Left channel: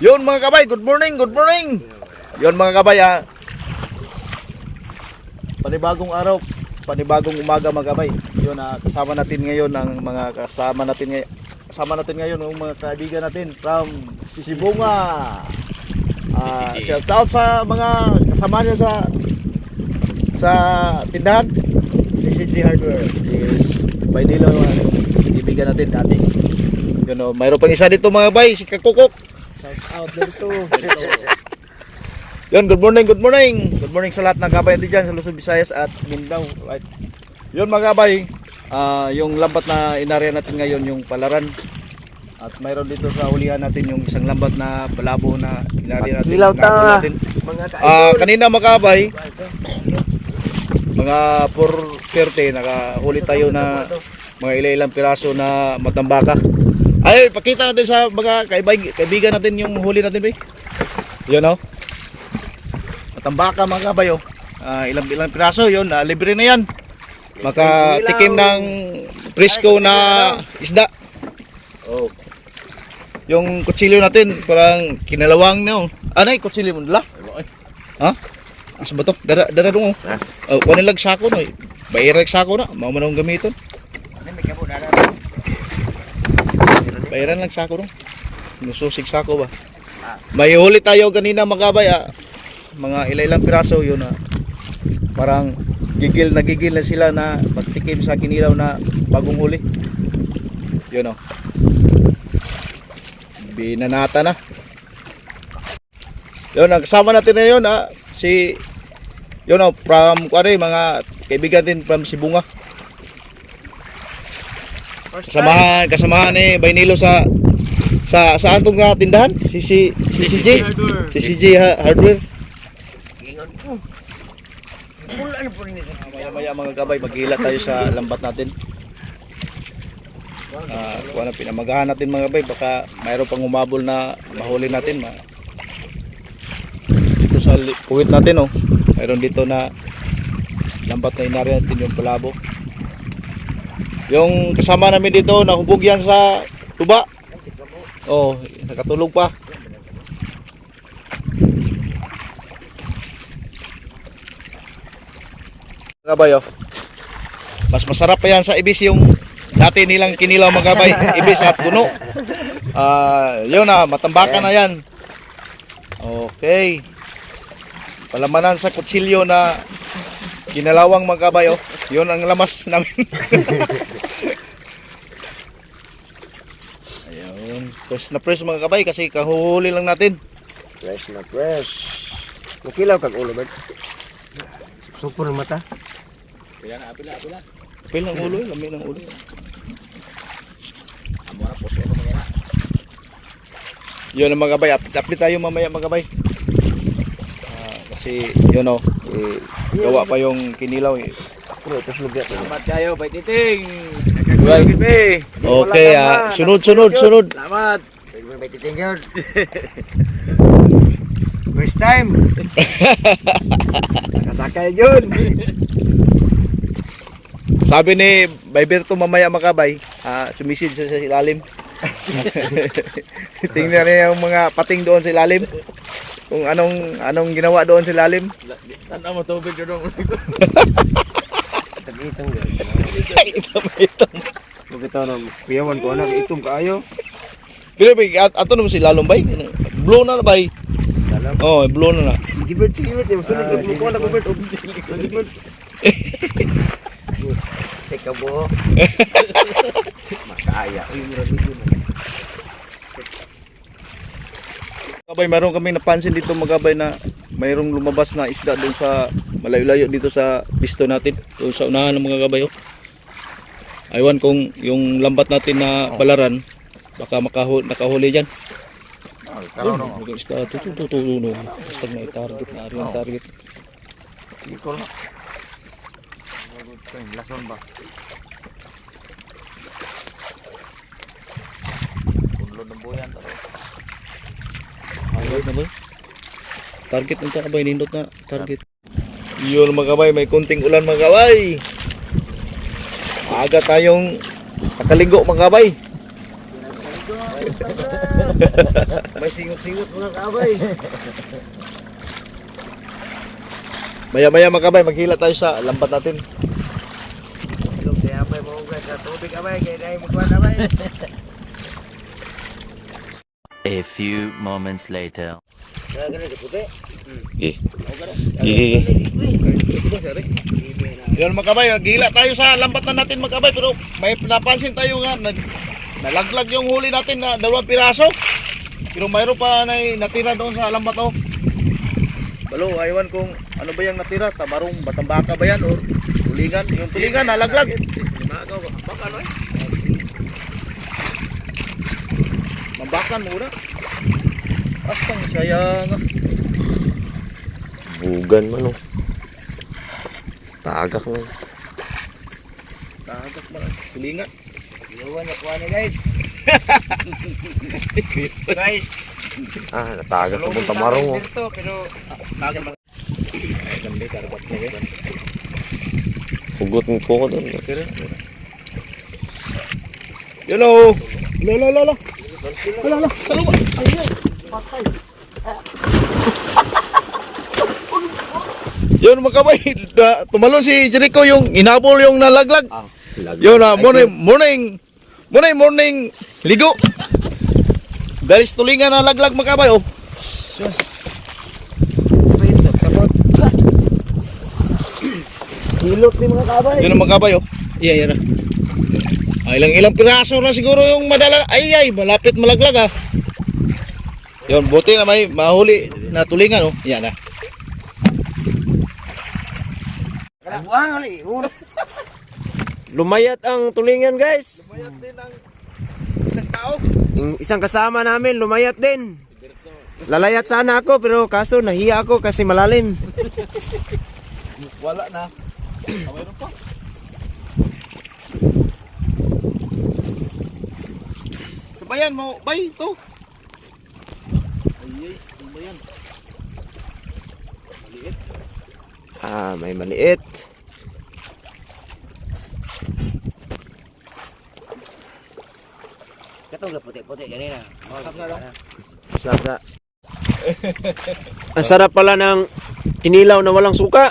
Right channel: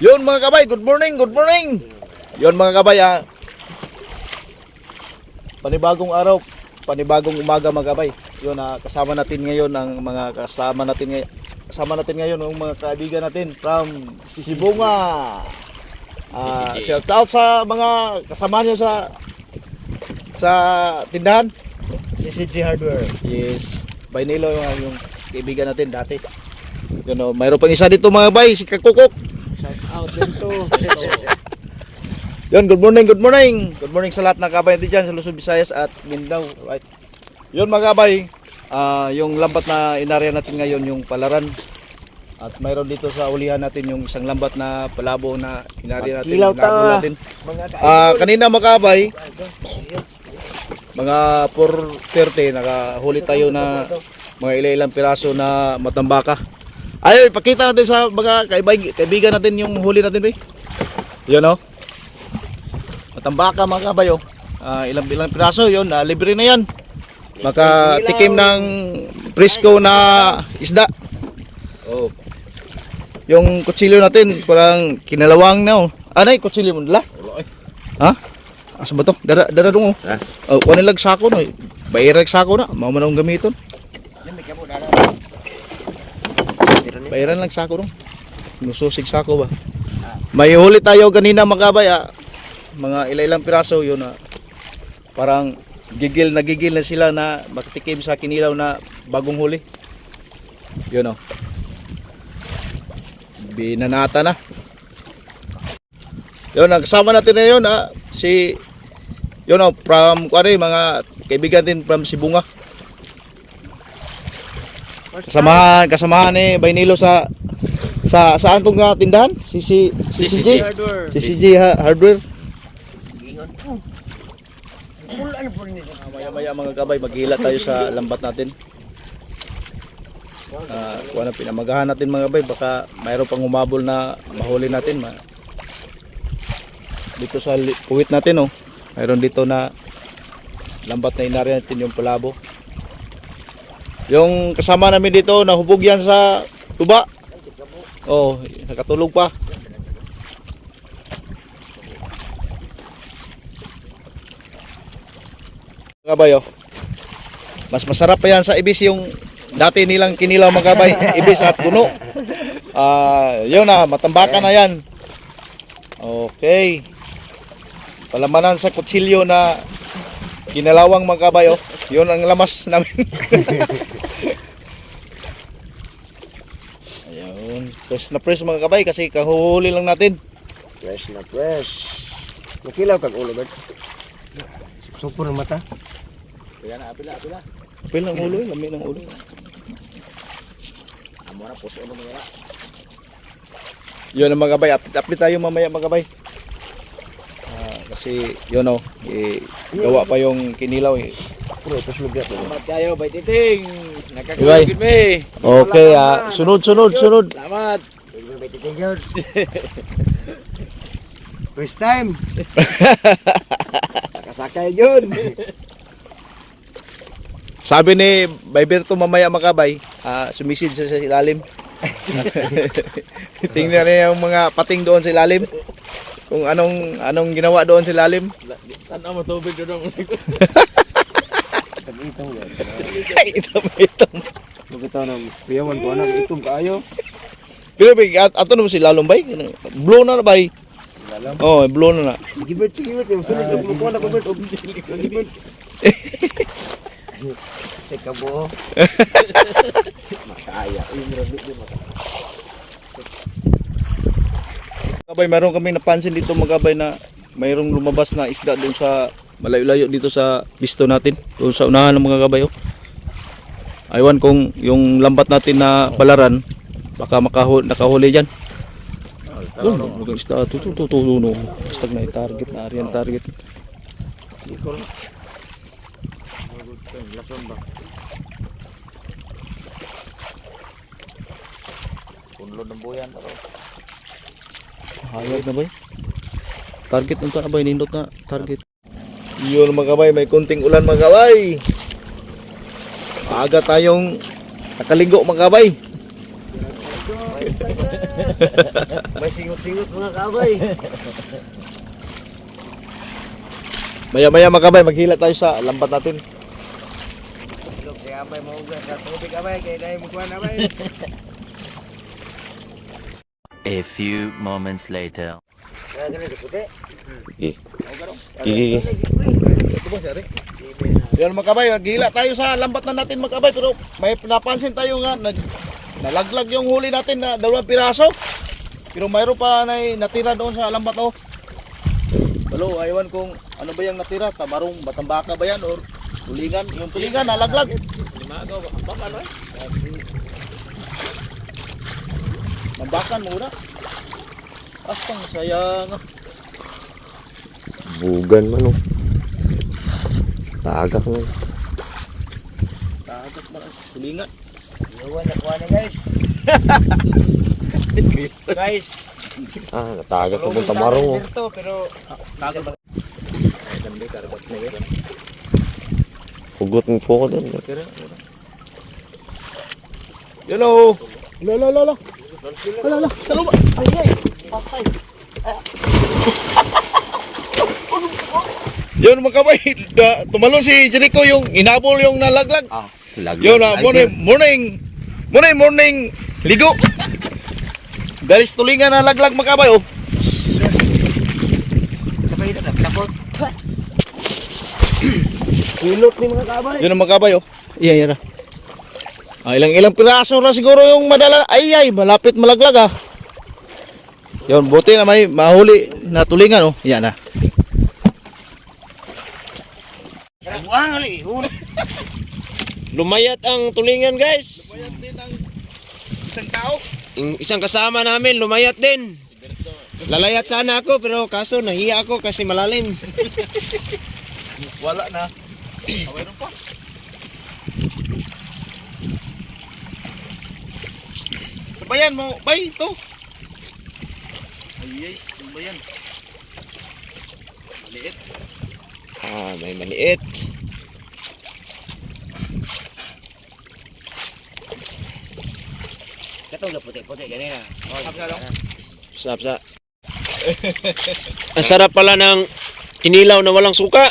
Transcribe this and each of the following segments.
Yun mga kabay, good morning, good morning. Yun mga kabay ah. Panibagong araw, panibagong umaga mga kabay. Yun ah, kasama natin ngayon ang mga kasama natin ngayon. Kasama natin ngayon ang mga kaibigan natin from Sibunga. Ah, shout out sa mga kasama nyo sa sa tindahan. CCG Hardware. Yes. Bainilo yung ano, kaibigan natin dati. Yun oh, mayroon pang isa dito mga bay, si Kakukok. Yun, good morning, good morning. Good morning sa lahat ng kabay natin dyan sa Luzon, Visayas at Mindanao. Right. Yun mga kabay, ah, yung lambat na inarya natin ngayon, yung palaran. At mayroon dito sa ulihan natin yung isang lambat na palabo na inarya natin. Magkilaw ta. Natin. Ah, kanina mga kabay, mga 4.30, nakahuli tayo na mga ilang piraso na matambaka. Ay, pakita natin sa mga kaibigan natin yung huli natin, bay. Yun oh. Matambaka mga kabayo. Ah, ilang ilang piraso yun, ah, libre na yan. Makatikim ng presko na isda. Oh. Yung kutsilyo natin, parang kinalawang na oh. Ano yung kutsilyo mo nila? Ha? Asa ba to? Dara, dara dong oh. Oh, kuha nilag sako no. Bayirag sako na. Mao man akong gamiton. Bayaran lang sako dong. Nususig sako ba? May huli tayo kanina mga kabay ah. Mga ilang piraso yun ah. Parang gigil na gigil na sila na magtikim sa kinilaw na bagong huli. Yun oh. Binanata na. Yun, nagsama natin na yun ah. Si yun oh, from kuwari, mga kaibigan din from Sibunga. Kasamahan, kasamahan ni Bainilo sa sa saan tong nga tindahan? Si si si CJ. Hardware. Si CJ ha- Hardware. Gingon po. Pula na po ni sa Maya maya mga gabay, maghila tayo sa lambat natin. Ah, kuha na pinamagahan natin mga gabay, baka mayroon pang humabol na mahuli natin. Ma dito sa puwit natin oh. Mayroon dito na lambat na inari natin yung palabo. Yung kasama namin dito, nahubog yan sa tuba. Oh, nakatulog pa. Kabay oh. Mas masarap pa yan sa ibis yung dati nilang kinilaw magabay, ibis at puno. Ah, yun na, matambakan na yan. Okay. Palamanan sa kutsilyo na kinalawang magabay oh. Yun ang lamas namin. Press na press mga kabay kasi kahuhuli lang natin. Fresh na fresh. Nakilaw kag ulo ba? Super ang mata. Apil ng ulo, lami ng ulo. Yun ang mga kabay, apit-apit tayo mamaya mga kabay. Ah, kasi yun oh, eh, gawa pa yung kinilaw eh. Pero ito lugat. Salamat kayo, Bay Titing. Nagkagulay me. Okay, ah, sunod, sunod, sunod. Salamat. First time. Nakasakay yun. Sabi ni Bayberto mamaya makabay, ah, sumisid sa, sa ilalim. Tingnan niya yung mga pating doon sa ilalim. Kung anong anong ginawa doon sa ilalim. Tanda mo tubig doon mo siguro. Tag-itong yun. Ay, ito ba ito? Huwag ito na. Piyawan ko na. Itong kaayo. Pero bay, at ato naman si lalong bay. Blow na na bay. Oh, blow na na. Sige Bert, sige Bert. Yung sunod na kumukuha na ko Bert. Sige Bert. Teka bo. Makaya. Kabay, mayroon kaming napansin dito magabay na mayroong lumabas na isda doon sa malayo-layo dito sa pisto natin. Doon sa unahan ng mga kabay. oh. Aywan kung yung lambat natin na balaran, baka makahuli, nakahuli dyan. Doon, mga isda. Ito, ito, ito, ito, ito. Basta na target na, ariyan target. Ikol. Ayun na rin. Target nito kabay, nindot na target. Yun mga kabay, may kunting ulan mga kabay. Aga tayong nakaligo mga kabay. May singot-singot mga kabay. Maya-maya mga kabay, maghila tayo sa lambat natin. Ilog kaya may maugas sa tubig abay kaya tayo magkuhan abay. A few moments later. Kaya ganun puti. Gigi. Gigi. Yan mga kabay, gila tayo sa lambat na natin mga kabay pero may napansin tayo nga nag nalaglag yung huli natin na dalawang piraso. Pero mayroon pa na natira doon sa lambat oh. Walo, aywan kung ano ba yung natira, tamarong batambaka ba yan or tulingan, yung tulingan nalaglag. Mambakan mura. Astang sayang. Bugan man oh. Tagak mo. Tagak man. Tulingan. Iwan na kuha na guys. guys. Ah, natagak ko mong tamarong oh. pero Tagak man. Hugot mo po ko doon. Hello. La la la la. La la. Saluma. Yun mga kabay, da- tumalon si Jericho yung inabol yung nalaglag. Yun na, morning, morning, morning, morning, ligo. Dahil tulingan na laglag mga kabay, oh. Silot ni mga kabay. Yun ang mga kabay, oh. Iya, iya na. Ah, ilang ilang piraso na siguro yung madala. Ay, ay, malapit malaglag, ah. Yun, buti na may mahuli na tulingan, oh. Yan na. Buang ali. Lumayat ang tulingan guys. Mayat din ang isang tao. Yung isang kasama namin lumayat din. Lalayat sana ako pero kaso nahiya ako kasi malalim. Wala na. Mayroon pa. Sabayan mo, bay, ito. Ay, ay, ano ba yan? Maliit. Ah, may maliit. Katong ga puti-puti ganina. Sarap sa. Ang sarap pala ng kinilaw na walang suka.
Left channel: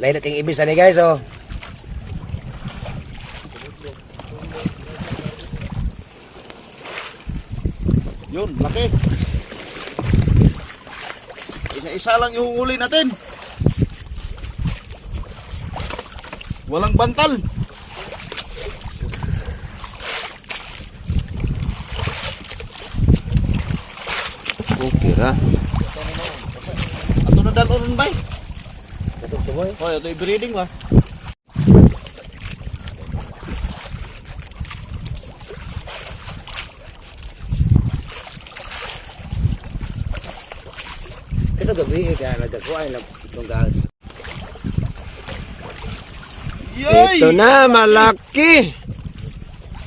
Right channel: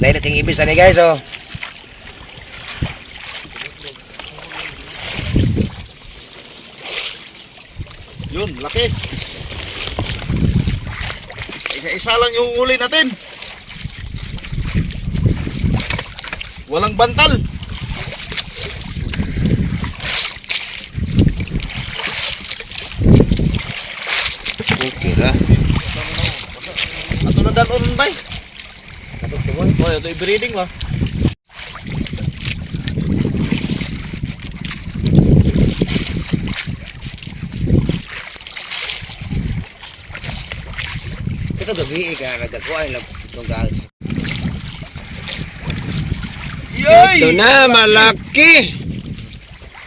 Lain nating ibis ni guys oh. Yun, laki. Isa-isa lang yung uli natin. Walang bantal. Okay ra. Ato na dalon bay. Katong tumoy. Oh, ito i-breeding ba? Katong gabi ka nagkakuha lang itong gas. Yay! Ito na, malaki.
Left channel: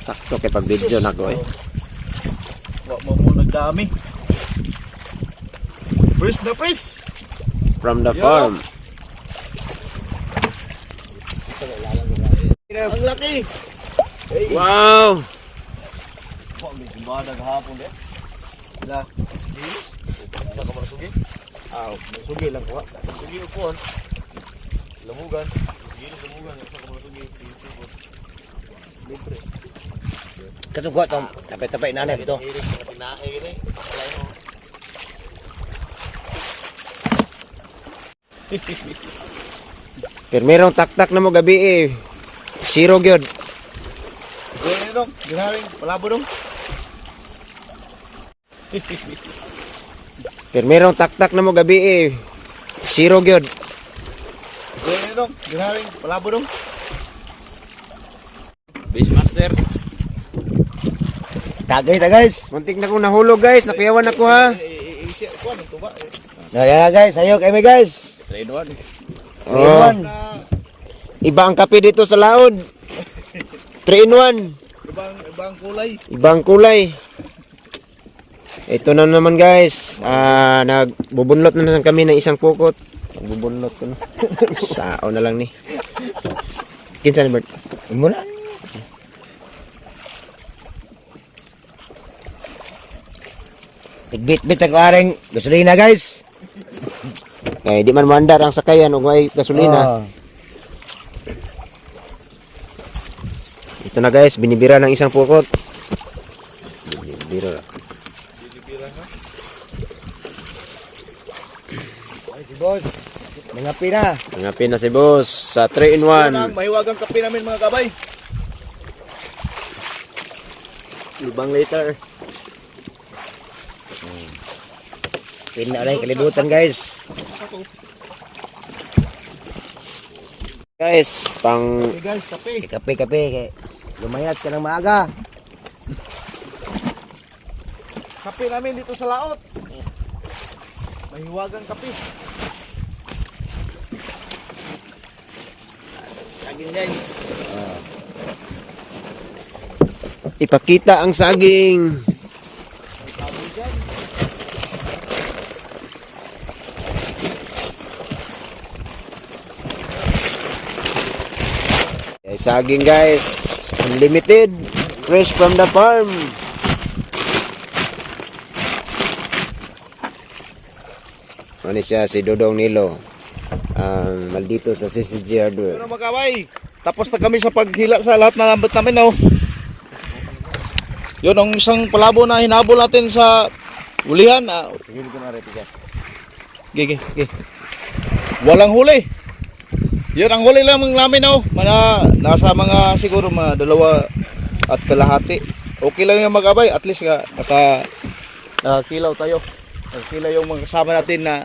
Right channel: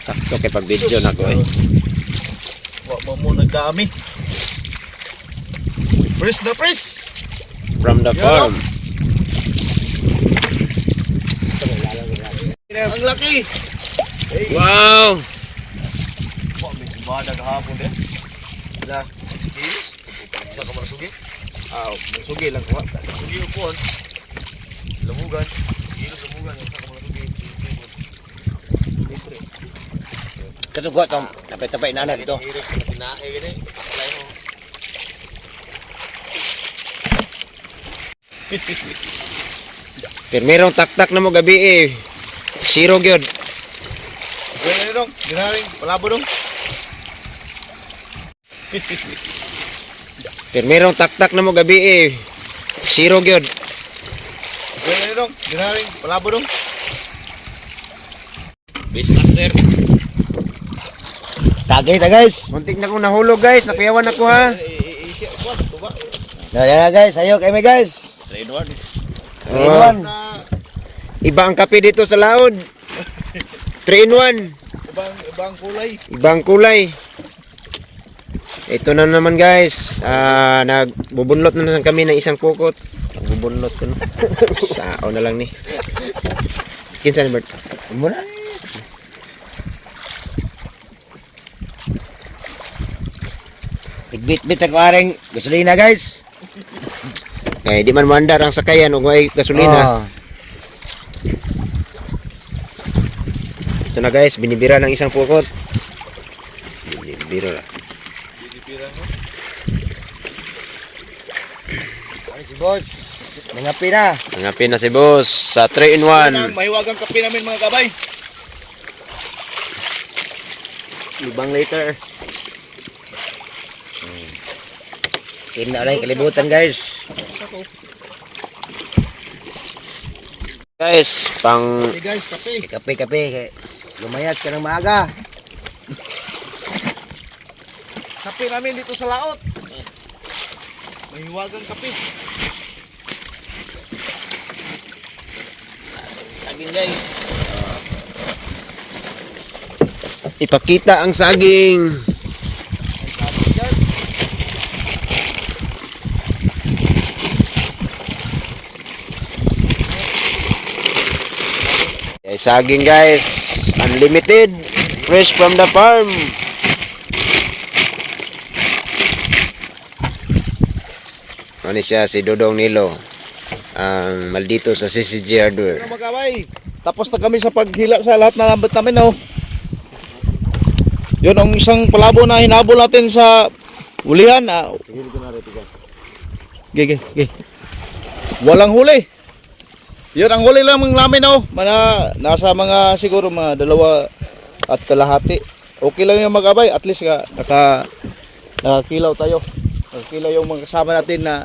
Takto kay pag video na ko eh. Wa mo mo nagdami. Press na press. From the farm. Ang laki. Wow! Wa may simbada gahapon din. Da. Kilos. Sa ka sugi? Ah, sugi lang ko. Sugi upon. Lamugan. Kilos lamugan yung sa ka sugi. Libre. Katong kuha tong tapay-tapay na na na tinae gani. Paklay mo. Pero merong taktak na mo gabi eh. Zero gyud. Pwede dong. Dinaring palabo dong. Pero merong taktak na mo gabi eh. Zero gyud. Pwede dong. Dinaring palabo dong. Beastmaster. Tagay ta guys. Muntik na kong nahulog guys. Nakuyawan ako ha. Isya ko ano to ba? Na na guys, ayok kami guys. Trade one. Oh, Ayun. Na iba ang kape dito sa laod. 3 in 1. ibang ibang kulay. Ibang kulay. Ito na naman guys. Uh, nagbubunlot na naman kami ng isang pukot. Nagbubunlot ko no. Sao na lang ni. Kinsa ni Bert? Muna. Igbit-bit ako aring gasolina guys. Eh, di man mandar ang sakayan o ay gasolina. Oh. Ito na guys, binibira ng isang pukot. Binibira na. Ay, si boss. Nangapi na. Nangapi na si boss sa 3 in 1. Yan ang mahiwagang kape namin mga kabay. Libang liter. Yun na lang kalibutan guys. Guys, pang Okay guys, kape. kape kape kay lumayat ka ng maaga. Kape namin dito sa laot. Mahiwagang kape. Saging guys. Ipakita ang saging. Okay, saging guys, unlimited, fresh from the farm. Ano siya si Dodong Nilo, ang maldito sa CCG Hardware. Ano mga kabay? Tapos na kami sa paghila sa lahat na lambat namin, oh. Yun ang isang palabo na hinabol natin sa ulihan. Ah. Gige, gige. Walang huli. Yun ang huli lang namin, oh. Mana, nasa mga siguro mga dalawa at kalahati. Okay lang yung magabay. At least ka, naka, nakakilaw tayo. Nakakilaw yung mga kasama natin na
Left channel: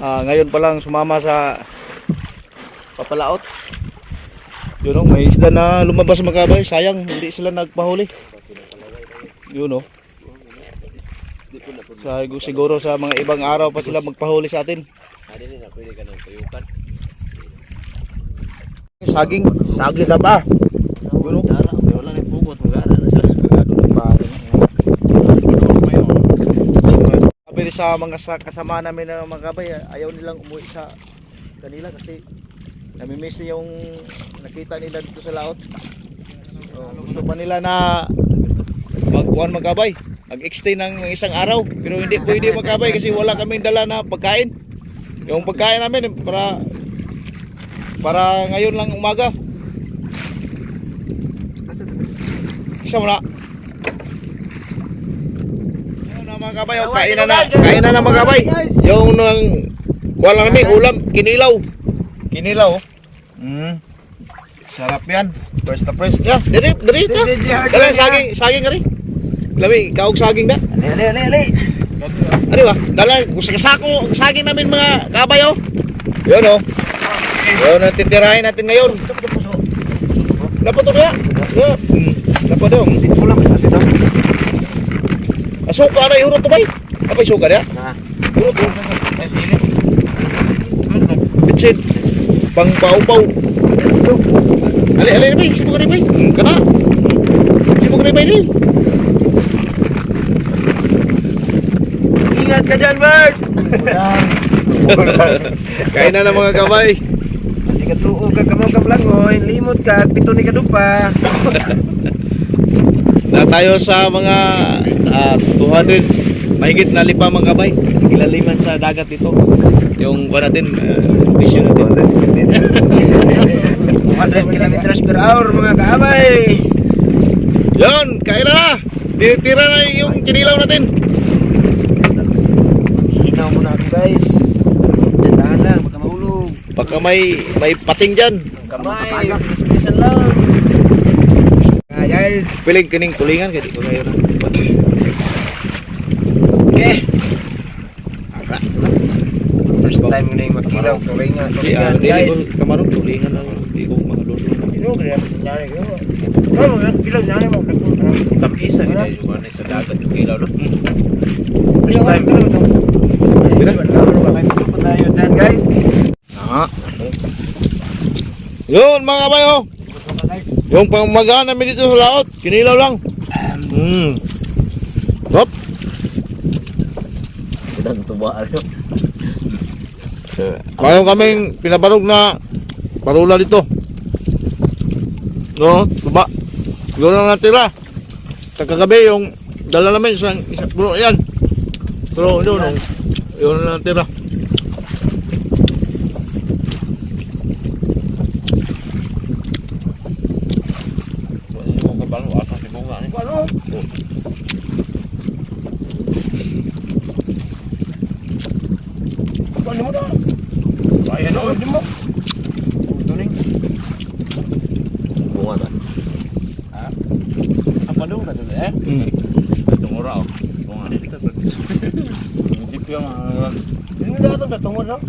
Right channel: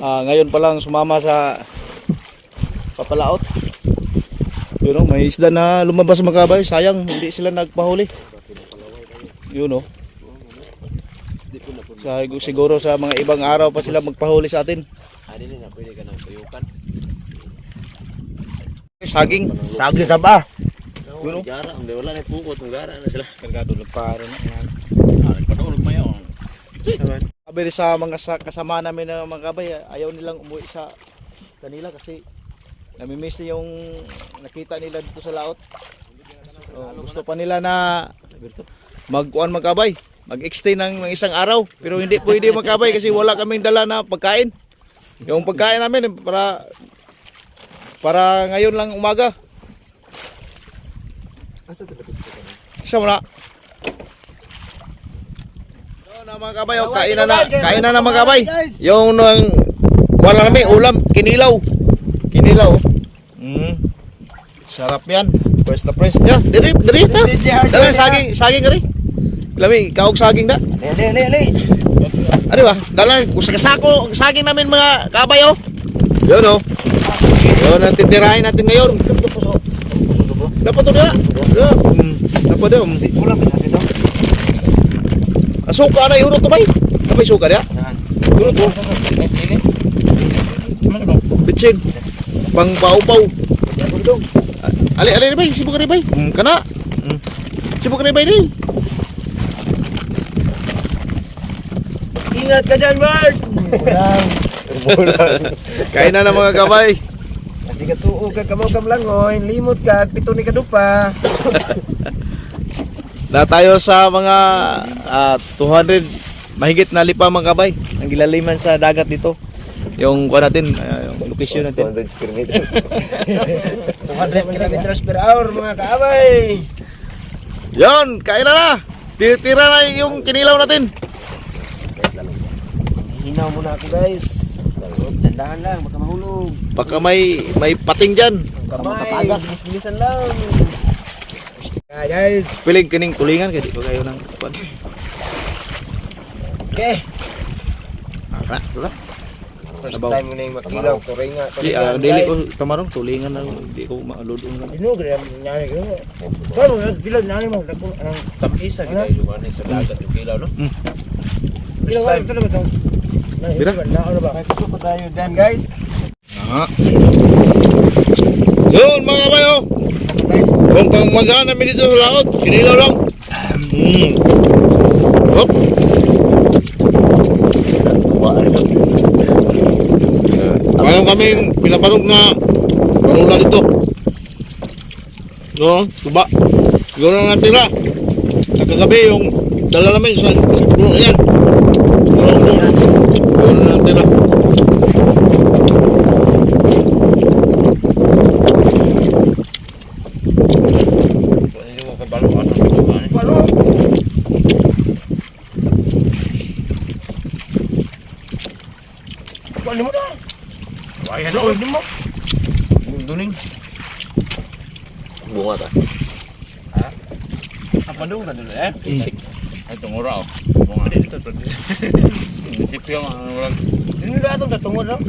ah, ngayon pa lang sumama sa papalaot. Yun oh, may isda na lumabas mga kabay. Sayang, hindi sila nagpahuli. Yun oh. Sa, siguro sa mga ibang araw pa sila magpahuli sa atin. Saging. Saging sa ba? Yun oh. Wala na pukot. Wala na sa Kagado ng paro na. Kinulog pa yun. Sabi sa mga sa, kasama namin na mga kabay, ayaw nilang umuwi sa kanila kasi namimiss na yung nakita nila dito sa laot. So, gusto pa nila na magkuhan magkabay, mag-extend ng ng isang araw. Pero hindi pwede magkabay kasi wala kaming dala na pagkain. Yung pagkain namin para para ngayon lang umaga. Isa mo na. Yun na mga kabay, oh, kain na na, kain na na mga kabay. Yung nang wala namin ulam, kinilaw. Kinilaw. oh. Mm. Sarap yan. Press na press. Yeah, diri, diri ta. Saging, saging kari. Lami, kaog saging da. Ali, ali, ali, ali. Ano ba? Dala, gusto kasako, saging namin mga kabay oh. Yun oh. Yun ang titirahin natin ngayon. Dapat to ba? Mm. Dapat daw. Pulang bisa situ. Asuka na yung to bay. Tapay suka. Yurot to. Eh, sini. Bitsin. Pang pau-pau. Ali ali ni bay, sibuk ni bay. Hmm, kana. Sibuk ni bay ni. Ingat ka dyan, Bert! Kain na ng mga kabay. Kasi katuo ka kamaw ka langoy, limot ka, pito ni kadupa. Na tayo sa mga ah, 200 mahigit na lipa mga kabay. Ilaliman sa dagat dito. Yung kuha natin, yung vision natin. 100 kilometers per hour, mga kaabay. Yon, kain na na. Titira na yung kinilaw natin. Hinaw muna ako, guys. Tahan lang, baka mahulog. Baka may may pating diyan. Kamay, bisan lang. Guys. Piling kining tulingan kay di ko kayo nang. Ara, wala. First time ko na yung makilaw. Tuloy nga, Di tuloy ah, nga, dili ko kamarong tulingan lang. Di ko maluto. Ano, kaya nangyari ko. Ano, pila nangyari mo? Tamisa ni kayo yung ano, sa dagat yung kilaw, no? First time na? Pila? May gusto pa tayo dyan, guys. Ah. Yun mga bayo. Yung pamagaan namin dito sa laot, kinilaw lang. Hmm. Mayroon kaming pinapanog na parula dito. No, tuba. Siguro na natira. Sa kagabi yung dala namin sa puno yan. Pero doon, no? Yun na ang tira. Hindi ko kabalo asang kibuhan. Ano? Ano mo na? Ay, ano? Ano mo? Duning. Bunga na. Apa dong na dulu eh? Tunggu raw. Bunga. Dito to. Sipyo mga orang. Hindi na itong tatungod, no?